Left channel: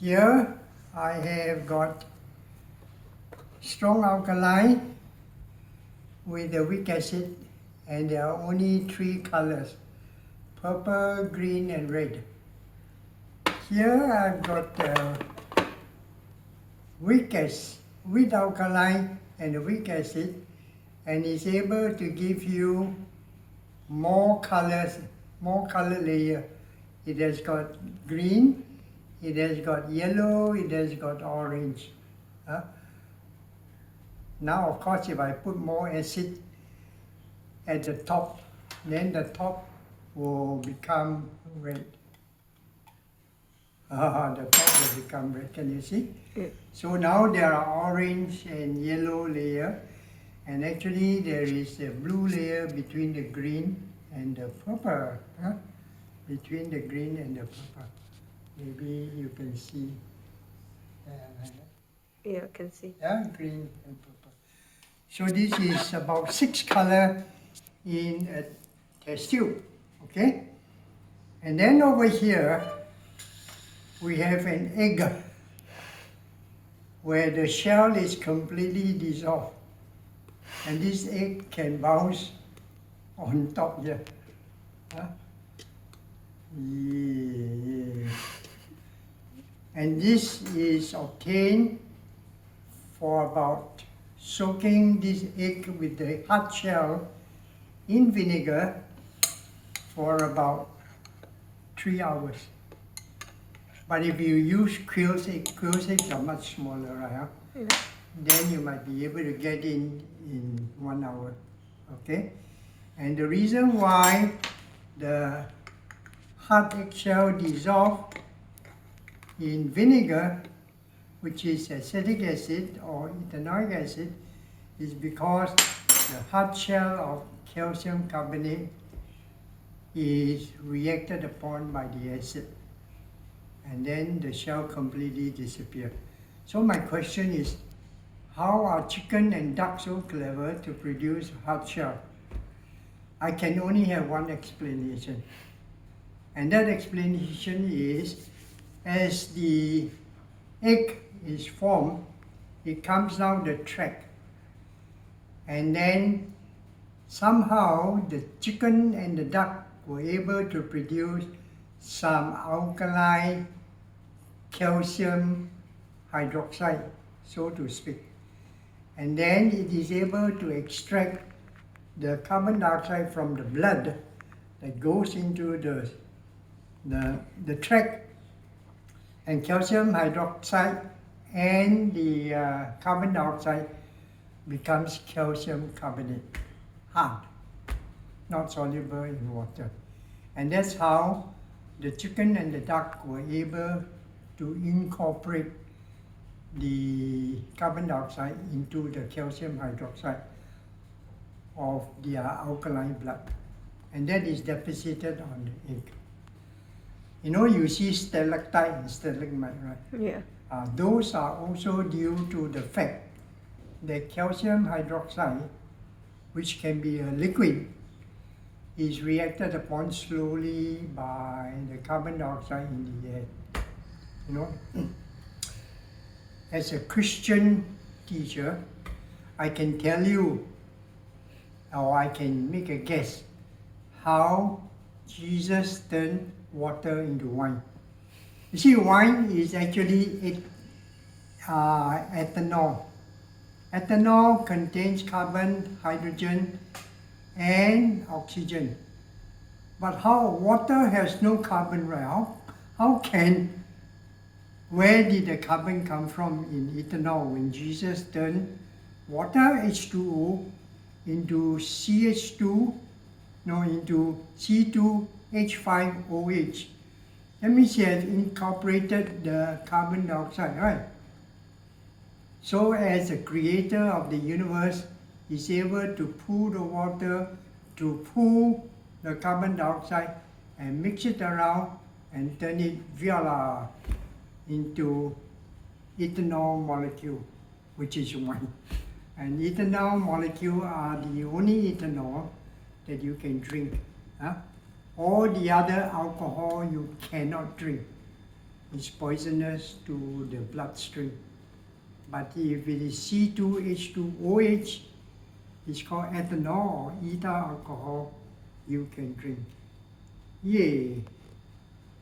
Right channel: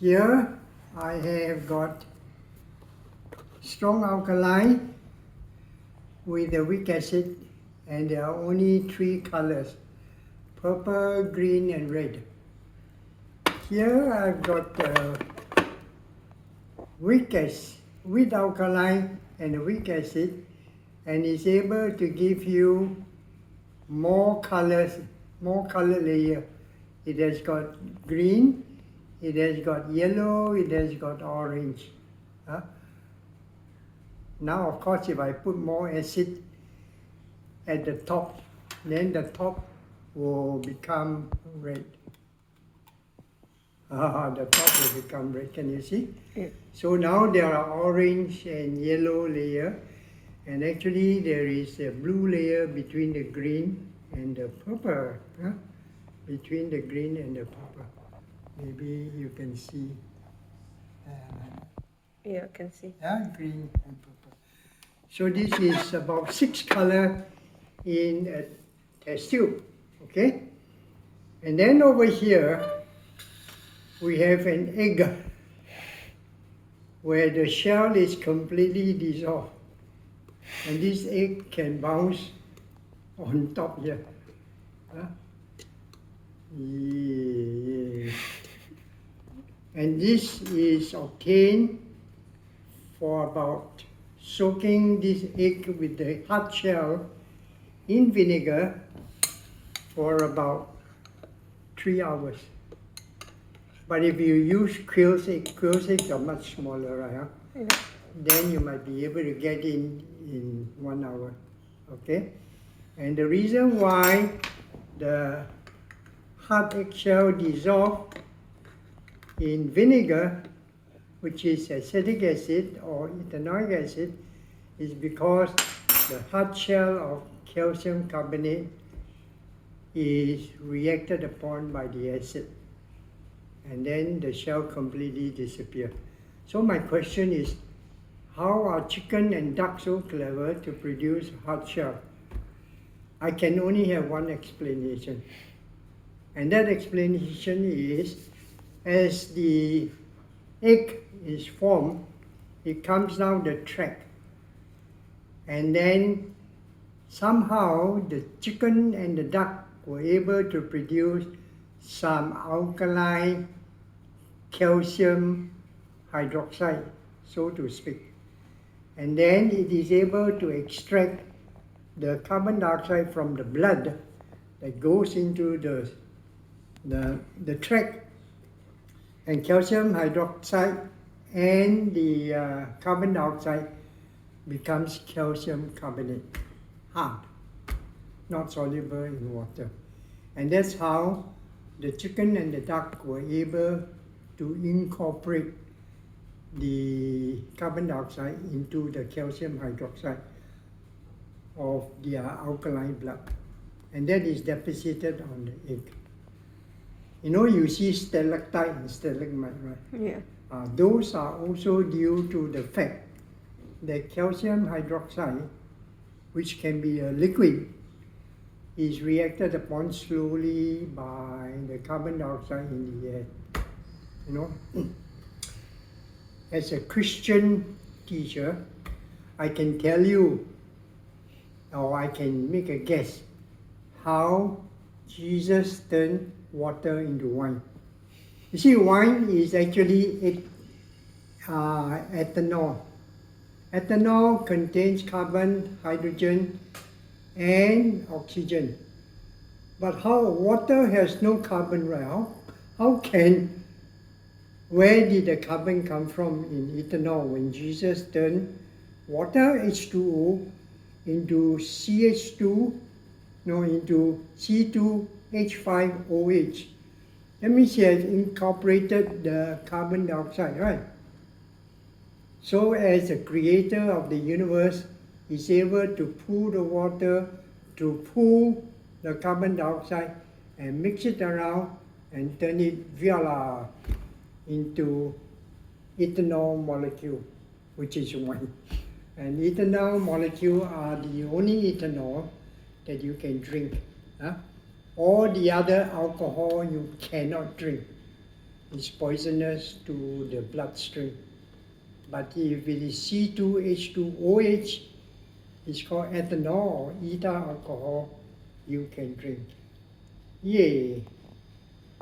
Here I have got strong alkali with the weak acid, and there are only three colors: purple, green and red. Here I've got weak alkali and a weak acid, and it's able to give you more colors, more color layer. It has got green, it has got yellow, it has got orange. Now of course if I put more acid at the top, then the top will become red. The top will become red, can you see? Yeah. So now there are orange and yellow layer, and actually there is a blue layer between the green and the purple. Between the green and the purple. Maybe you can see. Yeah, I can see. Green and purple. So this is about 6 color in a test tube. Okay? And then over here we have an egg where the shell is completely dissolved, and this egg can bounce on top here. Yeah. And this is obtained for about soaking this egg with the hard shell in vinegar for about 3 hours. But if you use quail's eggs are much smaller, right? Yeah. Then you might be able to get in 1 hour. Okay? And the reason why the hard eggshell dissolved in vinegar, which is acetic acid or ethanoic acid, is because the hard shell of calcium carbonate is reacted upon by the acid, and then the shell completely disappears. So my question is, how are chicken and duck so clever to produce hard shell? I can only have one explanation. And that explanation is, as the egg is formed, it comes down the track. And then somehow the chicken and the duck were able to produce some alkali calcium hydroxide, so to speak. And then it is able to extract the carbon dioxide from the blood that goes into the tract, and calcium hydroxide and the carbon dioxide becomes calcium carbonate, hard, not soluble in water. And that's how the chicken and the duck were able to incorporate the carbon dioxide into the calcium hydroxide of their alkaline blood. And that is deposited on the egg. You know, you see stalactite and stalagmite, right? Yeah. Those are also due to the fact that calcium hydroxide, which can be a liquid, is reacted upon slowly by the carbon dioxide in the air. You know, as a Christian teacher, I can tell you, or I can make a guess, how Jesus turned water into wine. You see, wine is actually ethanol. Ethanol contains carbon, hydrogen, and oxygen. But how water has no carbon, right? Where did the carbon come from in ethanol when Jesus turned water H2O into into C2H5OH? That means he has incorporated the carbon dioxide, right? So as the creator of the universe, he's able to pull the water, to pull the carbon dioxide and mix it around and turn it voila into ethanol molecule, which is wine. And ethanol molecule are the only ethanol that you can drink. All the other alcohol you cannot drink. is poisonous to the bloodstream. But if it is C2H2OH, it's called ethanol or ethyl alcohol, you can drink. Yay!